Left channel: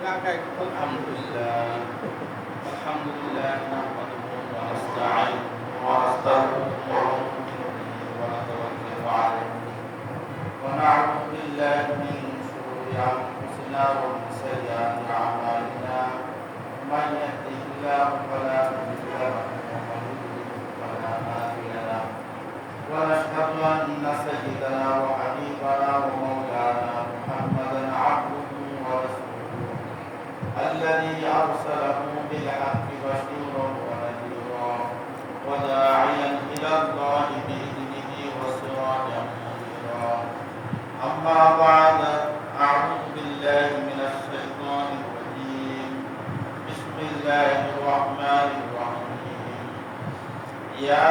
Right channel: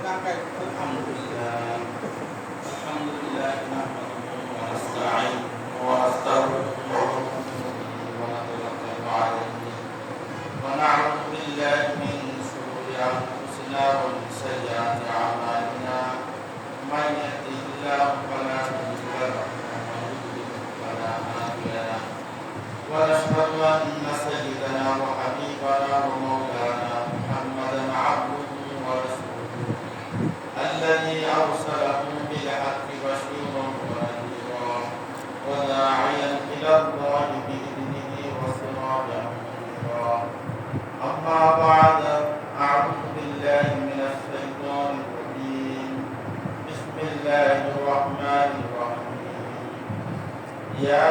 الحمد لله الحمد لله نحمده ونستعينه ونستغفره ونتوكل عليه ونعوذ بالله من شرور انفسنا ومن سيئات اعمالنا من يهده الله فلا مضل له ومن يضلل فلا هادي له ونشهد ان سيدنا وحبيبنا ومولانا محمدا عبده ورسوله الذي أرسله بالحق بشيرا ونذيرا وداعيا إلى الله بإذنه وسراجا منيرا أما بعد أعوذ بالله من الشيطان الرجيم بسم الله الرحمن الرحيم يا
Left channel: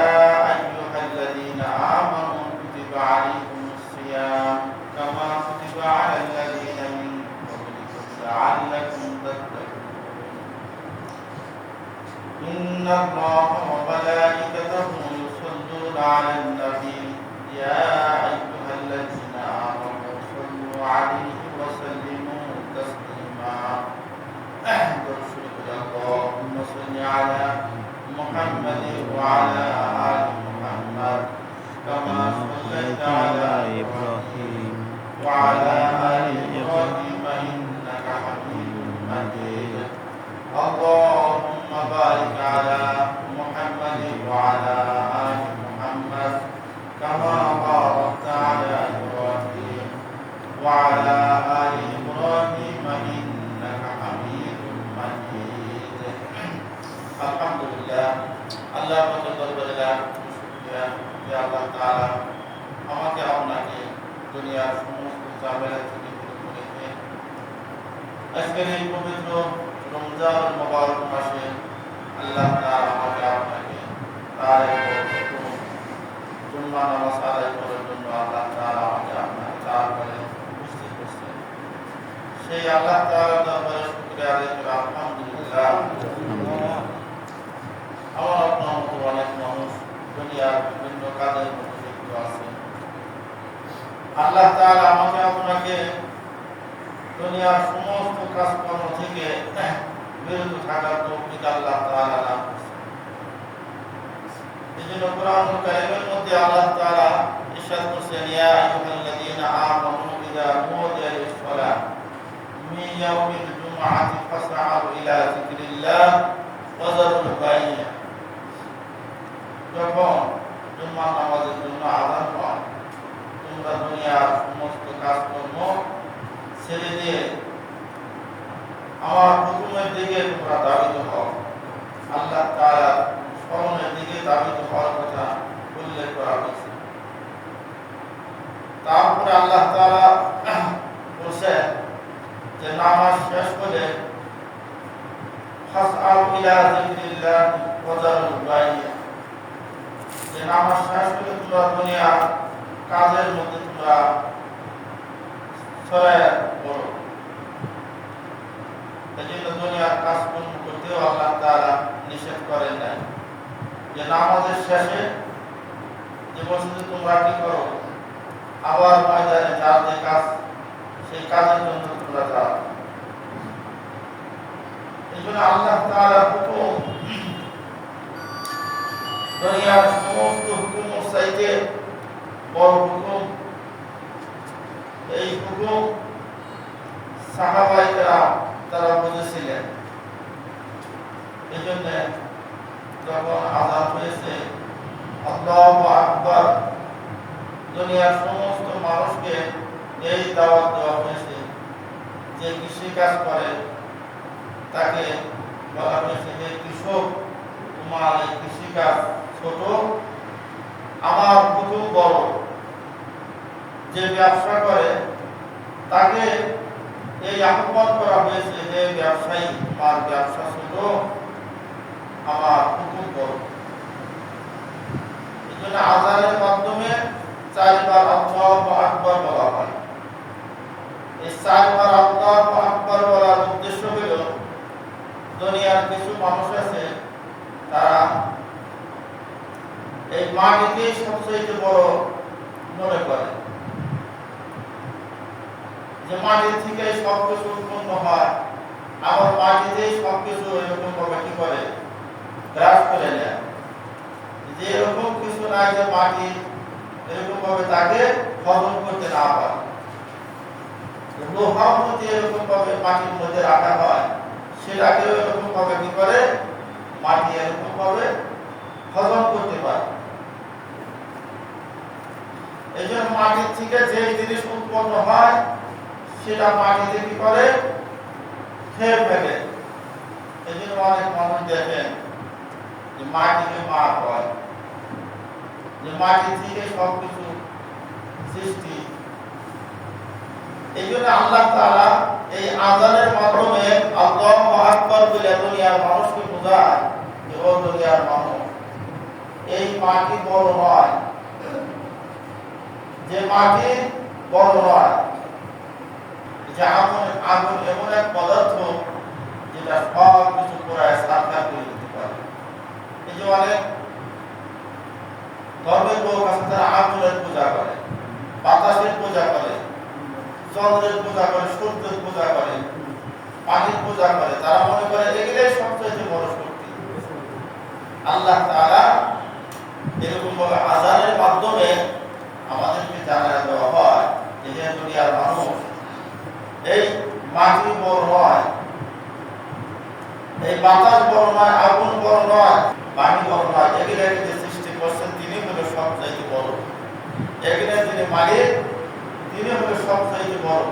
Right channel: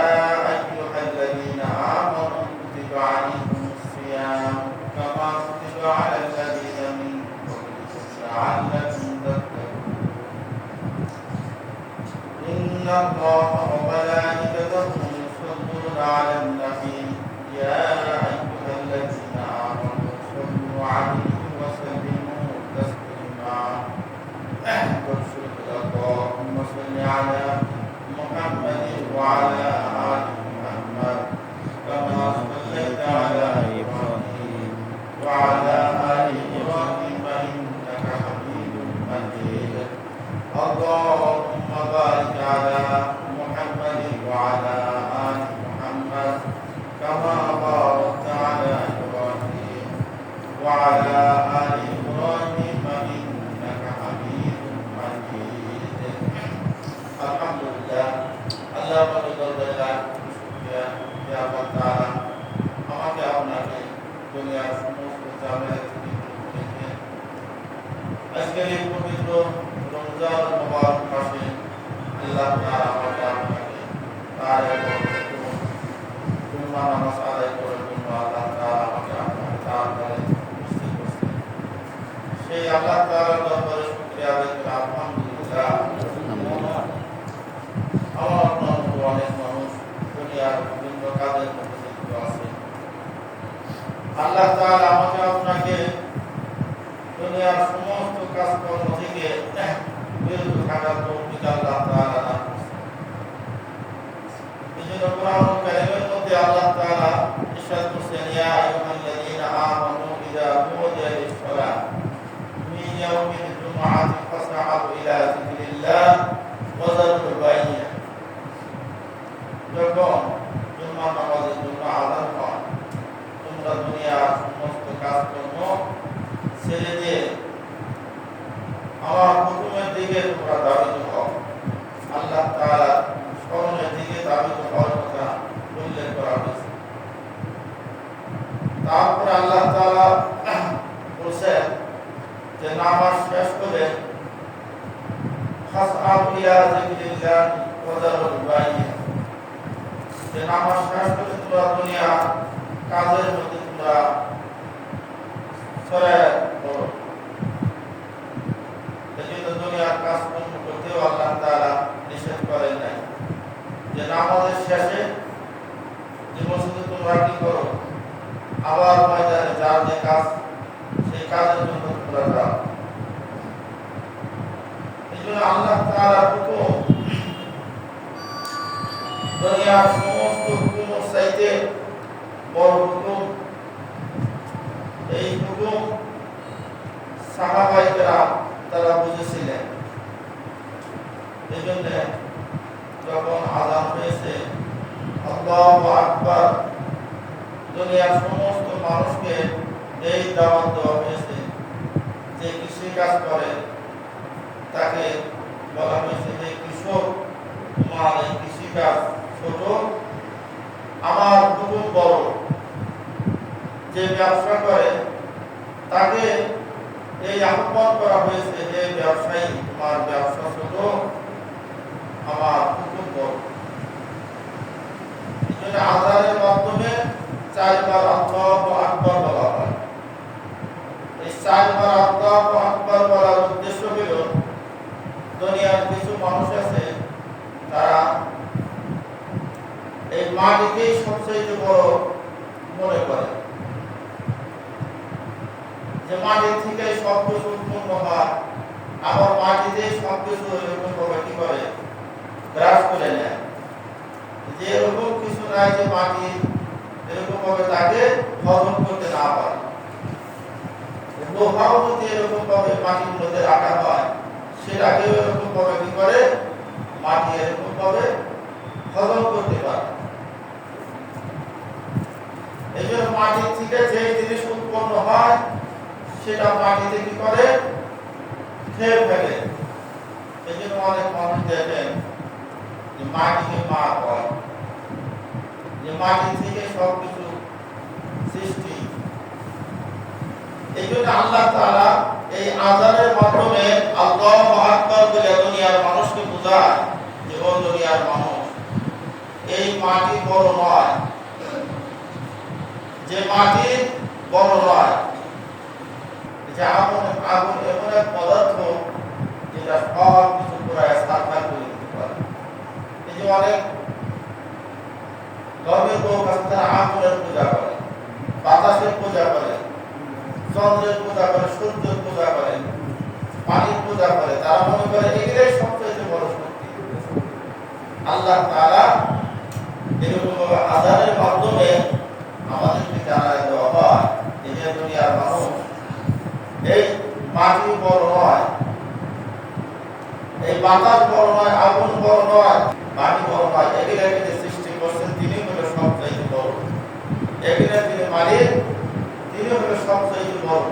أيها الذين آمنوا كتب عليكم الصيام كما كتب على الذين من قبلكم لعلكم إن الله وملائكته يصلون على النبي يا أيها الذين آمنوا صلوا عليه وسلموا تسليما اللهم صل على محمد وعلى آل محمد كما صليت على إبراهيم وعلى آل إبراهيم إنك حميد مجيد اللهم بارك على محمد وعلى آل محمد كما باركت على إبراهيم وعلى آل إبراهيم إنك حميد مجيد الحمد لله আল্লাহ পাকের দরবারে লাখ শুকরিয়া যে আল্লাহ তাআলা আমাকে আপনাকে দুনিয়ার সমস্ত ঝামেলা থেকে মুক্ত রেখে আজকের এই পবিত্র রমজান মুবারক মাসে আল্লাহ তাআলা আমাকে আপনাকে তার জুম্মা নামাজ আদায় করার জন্য আল্লাহ তাআলা আমাকে আপনাকে তার ঘরে উপস্থিত করছেন। সেই আল্লাহ তাআলার দরবারে শুকরিয়া আদায় করে আলহামদুলিল্লাহ। আমার আপনার মতো অনেক মানুষ দুনিয়ার বিভিন্ন কাজের মধ্যে লিপ্ত আছে। আল্লাহ তাআলা আমাকে আপনাকে দুনিয়ার সমস্ত কাজকর্ম থেকে বিরত থাকার তৌফিক আল্লাহ তাআলা দান করেছেন। এজন্য কোরআনুল কারীমের মধ্যে আল্লাহ তাআলা ইরশাদ করেছেন ইয়া আইয়ুহাল্লাযীনা আমানু ইযা নুদিয়া লিস-সালাহ মিন ইয়াউমিল জুমআতি ফাসআউ ইলা যিকরিল্লাহ ওয়া যারুল বাই'a। যখন জুম্মার নামাজের জন্য আযান হয় তোমরা দুনিয়ার সমস্ত কাজকর্ম ছেড়ে দিয়ে আমার হুকুমের দিকে তোমরা ধাবিত হও। আল্লাহ তাআলা স্মরণের দিকে ধাবিত হওয়ার কথা উল্লেখ করা হয়েছে। তারপরে আল্লাহ তাআলা বলছেন যে নামাজ শেষ করে ফাসআউ ইলা যিকরিল্লাহ ওয়া যারুল বাই'a, যে নামাজ শেষ করে তোমরা দুনিয়ার কাজের মধ্যে তোমরা ছড়ায় পড়ো। এজন্য দুনিয়ার কাজকর্ম করতেও আল্লাহ তাআলা নিষেধ করেন নাই। যে নামাজের শেষে যে মসজিদে তোমরা কি করো, আবার ময়দানে যার যে কাজ সেই কাজের জন্য তোমরা যাও। এজন্য আল্লাহ তাআলা হুকুম দুনিয়ার সমস্ত হুকুমের চাইতে বড় হুকুম। এই হুকুম সাহাবায়ে কেরাম তারা বুঝেছিলেন। এজন্য যখন আযান হয়েছে আল্লাহু আকবার, দুনিয়ার সমস্ত মানুষকে এই দাওয়াত দেওয়া হয়েছে যে কৃষি কাজ করে তাকে বলা হয়েছে যে কৃষক তোমার এই কৃষি কাজ ছোট, আমার হুকুম বড়। যে ব্যবসা করে তাকে এই আহ্বান করা হয়েছে যে ব্যবসায়ী তোমার ব্যবসা ছোট, আমার হুকুম বড়। এই জন্য আযানের মাধ্যমে 4 বার আল্লাহু আকবার বলা হয়। এই 4 বার আল্লাহু আকবার বলার উদ্দেশ্য হলো দুনিয়ার কিছু মানুষ আছে তারা এই মাটিকে সবচেয়ে বড় মনে করে, যে মাটির থেকে সবকিছু উৎপন্ন হয়, আবার মাটিতে সবকিছু এরকম ভাবে কি করে গ্রাস করে নেয়, যে এরকম কিছু নাই যে মাটি এরকম ভাবে তাকে হজম করতে না পারে। লোহাও যদি এরকম ভাবে মাটির মধ্যে রাখা হয়, সেটাকে এরকম ভাবে কি করে মাটি এরকম ভাবে হজম করতে পারে। এই জন্য মাটির থেকে যে জিনিস উৎপন্ন হয় সেটা মাটিতে কি করে খেয়ে ফেলে। এই জন্য অনেক মানুষ দেখেন যে মাটিকে মা হয়, যে মাটি থেকে সবকিছু সৃষ্টি। এই জন্য আল্লাহ তাআলা এই আযানের মাধ্যমে আল্লাহু আকবার বলে দুনিয়ার মানুষকে বোঝায় যে ও দুনিয়ার মানুষ, এই মাটি বড় নয়, যে মাটি বড় নয়, যে আগুন এমন এক পদার্থ যেটা সব কিছু পুরায় সাক্ষাৎ করে দিতে পারে। এই যে অনেক ধর্মের লোক আছে তারা আগুনের পূজা করে, বাতাসের পূজা করে, চন্দ্রের পূজা করে, সূর্যের পূজা করে, পানির পূজা করে। তারা মনে করে এগুলোই সবচেয়ে বড় শক্তি। আল্লাহ তাআলা এরকম ভাবে আযানের মাধ্যমে আমাদেরকে জানায় দেওয়া হয় যে হে দুনিয়ার মানুষ, এই মাটি বড় নয়, এই বাতাস বড় নয়, আগুন বড় নয়, পানি বড় নয়, এগুলোকে যে সৃষ্টি করছেন তিনি হলো সবচাইতে বড়। এগুলো যিনি মালিক তিনি হলো সবচাইতে বড়।